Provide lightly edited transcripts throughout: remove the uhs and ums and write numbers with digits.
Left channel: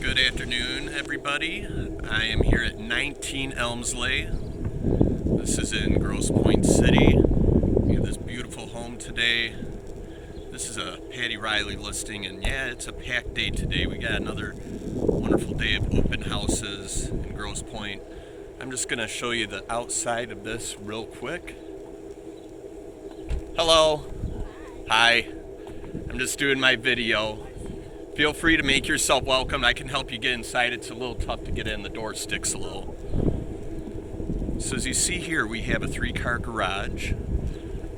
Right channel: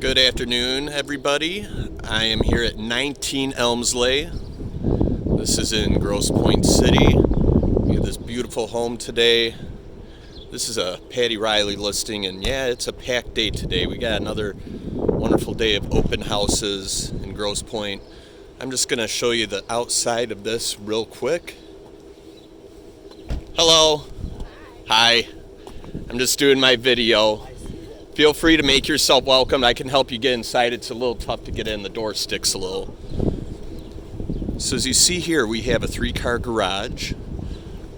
Good afternoon, everybody. I am here at 19 Elmsleigh. This is in Grosse Pointe City. We have this beautiful home today. This is a Patty Riley listing, and yeah, it's a packed day today. We got another wonderful day of open houses in Grosse Pointe. I'm just going to show you the outside of this real quick. Hello. Hi. I'm just doing my video. Feel free to make yourself welcome. I can help you get inside. It's a little tough to get in. The door sticks a little. So as you see here, we have a 3-car garage.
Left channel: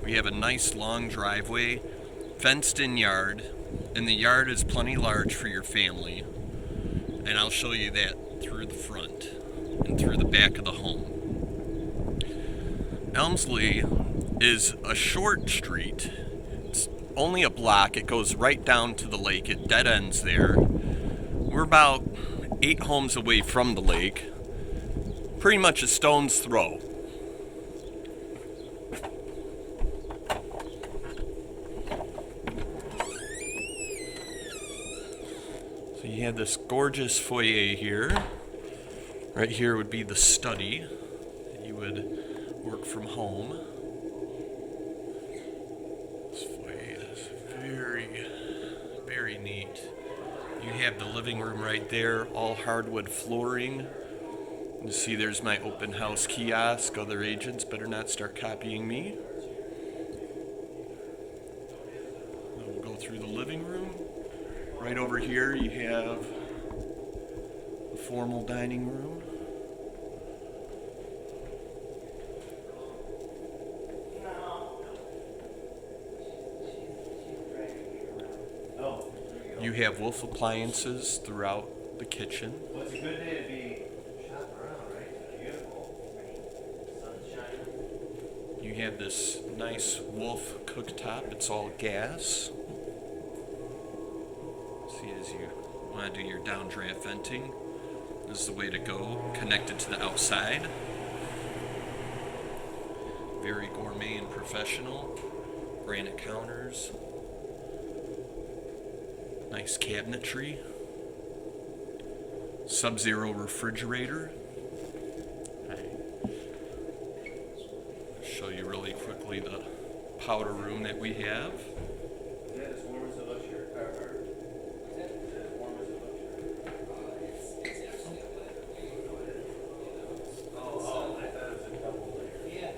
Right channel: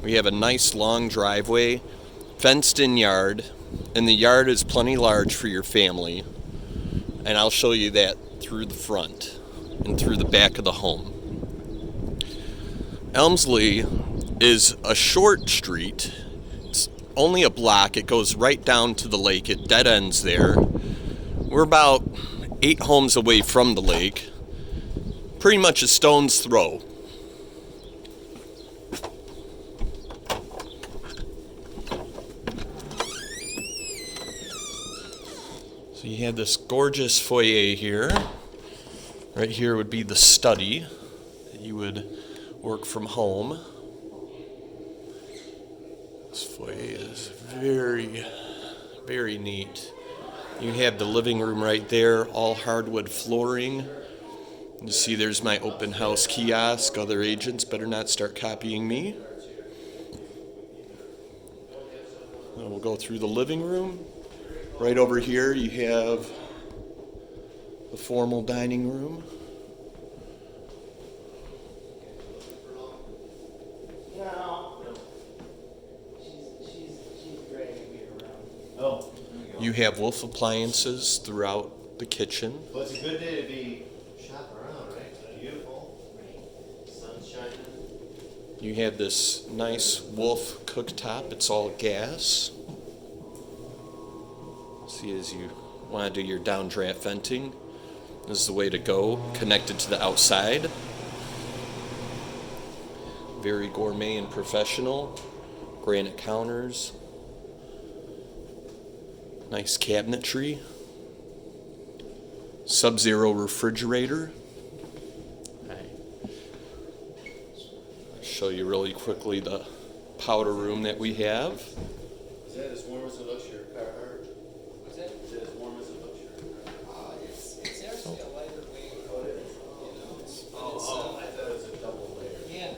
We have a nice long driveway, fenced-in yard, and the yard is plenty large for your family. And I'll show you that through the front and through the back of the home. Elmsleigh is a short street. Only a block. It goes right down to the lake. It dead ends there. We're about 8 homes away from the lake. Pretty much a stone's throw. So you have this gorgeous foyer here. Right here would be the study that you would work from home. This foyer is very, very neat. You have the living room right there, all hardwood flooring. You see there's my open house kiosk. Other agents better not start copying me. Now we'll go through the living room. Right over here you have the formal dining room. You have Wolf appliances throughout the kitchen. Well, it's a good day to be shopping around, right? It's beautiful. Sun's shining. You have this nice Wolf cooktop. It's all gas. See, as you want to do your downdraft venting, this is the way to go, connected to the outside. Very gourmet and professional. Granite counters. Nice cabinetry. Sub-Zero refrigerator. I'll show you really quickly the powder room that we have. Is that as warm as it looks, your car heart? Is that as warm as it looks, your it's actually a lighter weight. Oh, it is? I thought it was a double layer. Yeah.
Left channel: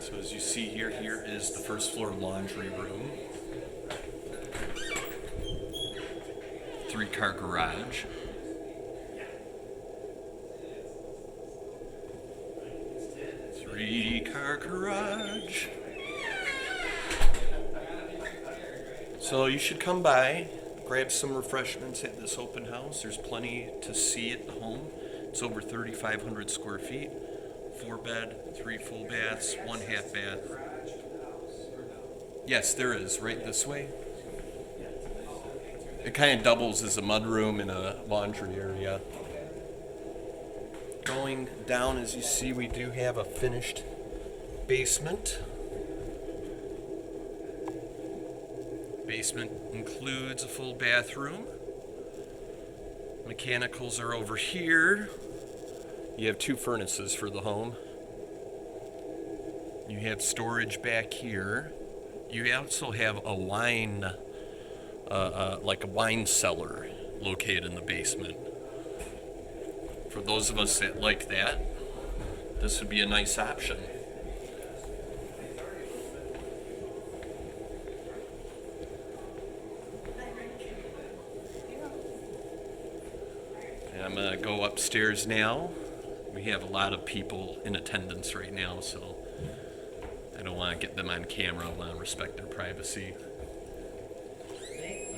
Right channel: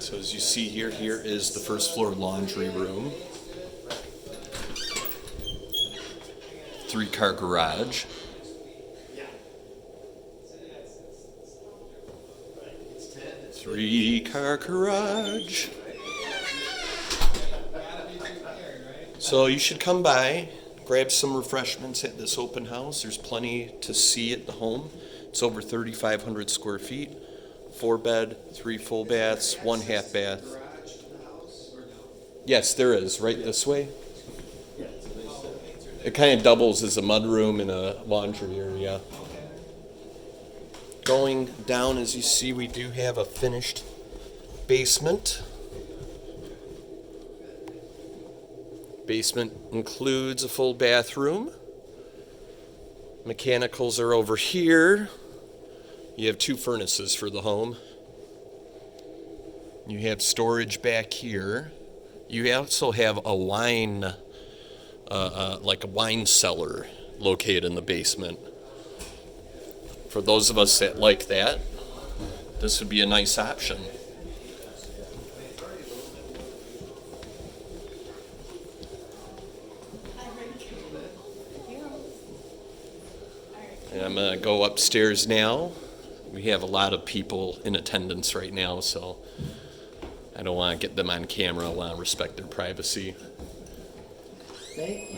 So as you see here, here is the first floor laundry room. 3-car garage. Three-car garage. So you should come by, grab some refreshments at this open house. There's plenty to see at the home. It's over 3,500 square feet. 4-bed, 3 full baths, 1 half bath. Yes, there is, right this way. It kind of doubles as a mudroom and a laundry area. Going down, as you see, we do have a finished basement. Basement includes a full bathroom. Mechanicals are over here. You have 2 furnaces for the home. You have storage back here. You also have a wine like a wine cellar located in the basement. For those of us that like that, this would be a nice option. And I'm going to go upstairs now. We have a lot of people in attendance right now, so I don't want to get them on camera. I want to respect their privacy.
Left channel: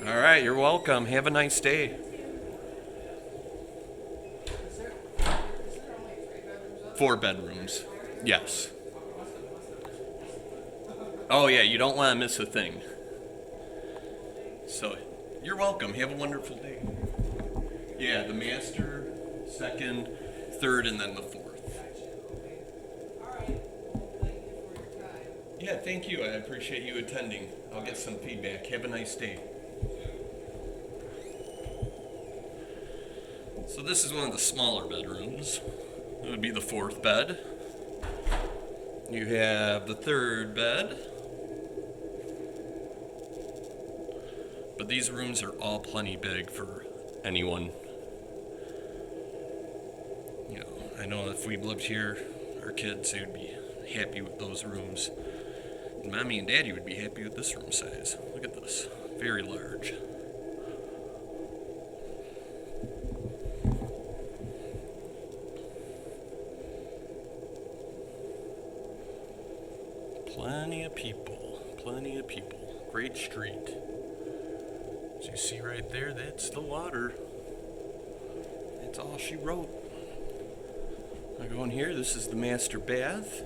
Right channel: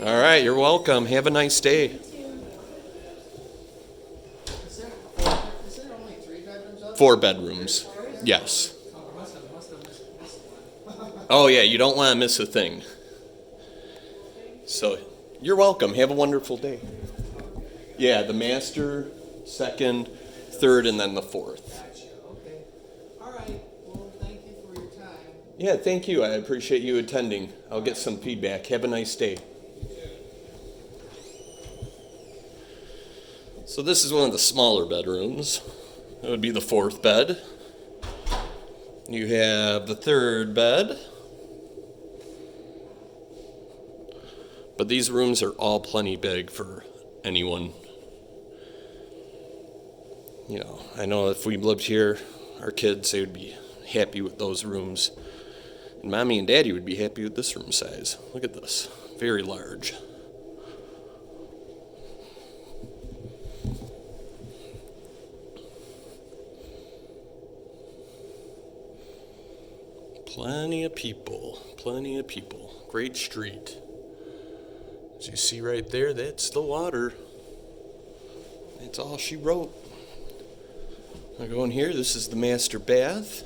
All right, you're welcome. Have a nice day. Is there only 3 bedrooms up? 4 bedrooms. Yes. Oh, yeah, you don't want to miss a thing. So, you're welcome. Have a wonderful day. Yeah, the master, 2nd, 3rd, and then the 4th. Okay. All right. Well, thank you for your time. Yeah, thank you. I appreciate you attending. I'll get some feedback. Have a nice day. So this is one of the smaller bedrooms. It would be the fourth bed. You have the third bed. But these rooms are all plenty big for anyone. You know, I know if we lived here, our kids, they would be happy with those rooms. And Mommy and Daddy would be happy with this room size. Look at this. Very large. Plenty of people. Plenty of people. Great street. As you see right there, that's the water. That's all she wrote. I go in here, this is the master bath.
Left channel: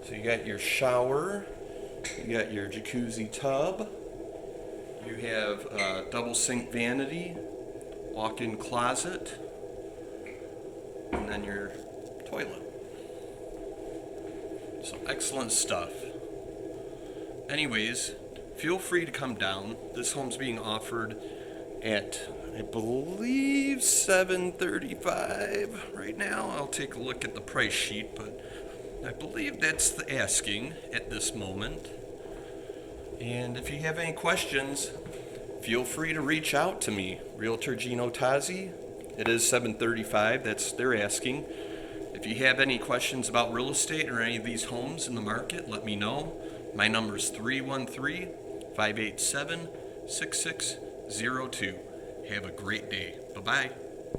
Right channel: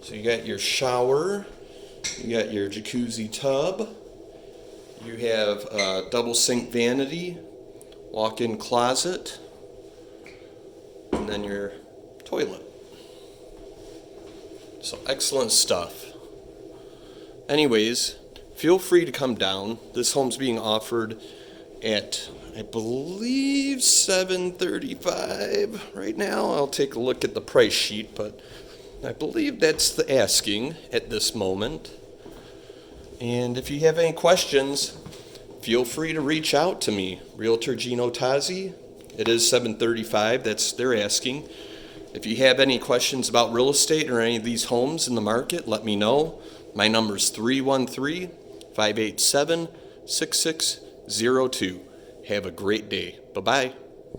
So you got your shower, you got your jacuzzi tub, you have a double sink vanity, walk-in closet, and then your toilet. So excellent stuff. Anyways, feel free to come down. This home's being offered at, I believe, $735 right now. I'll take a look at the price sheet, but I believe that's the asking at this moment. And if you have any questions, feel free to reach out to me, Realtor Gino Tazzi. It is $735, that's their asking. If you have any questions about real estate or any of these homes in the market, let me know. My number is 313-587-6602. Have a great day. Bye-bye.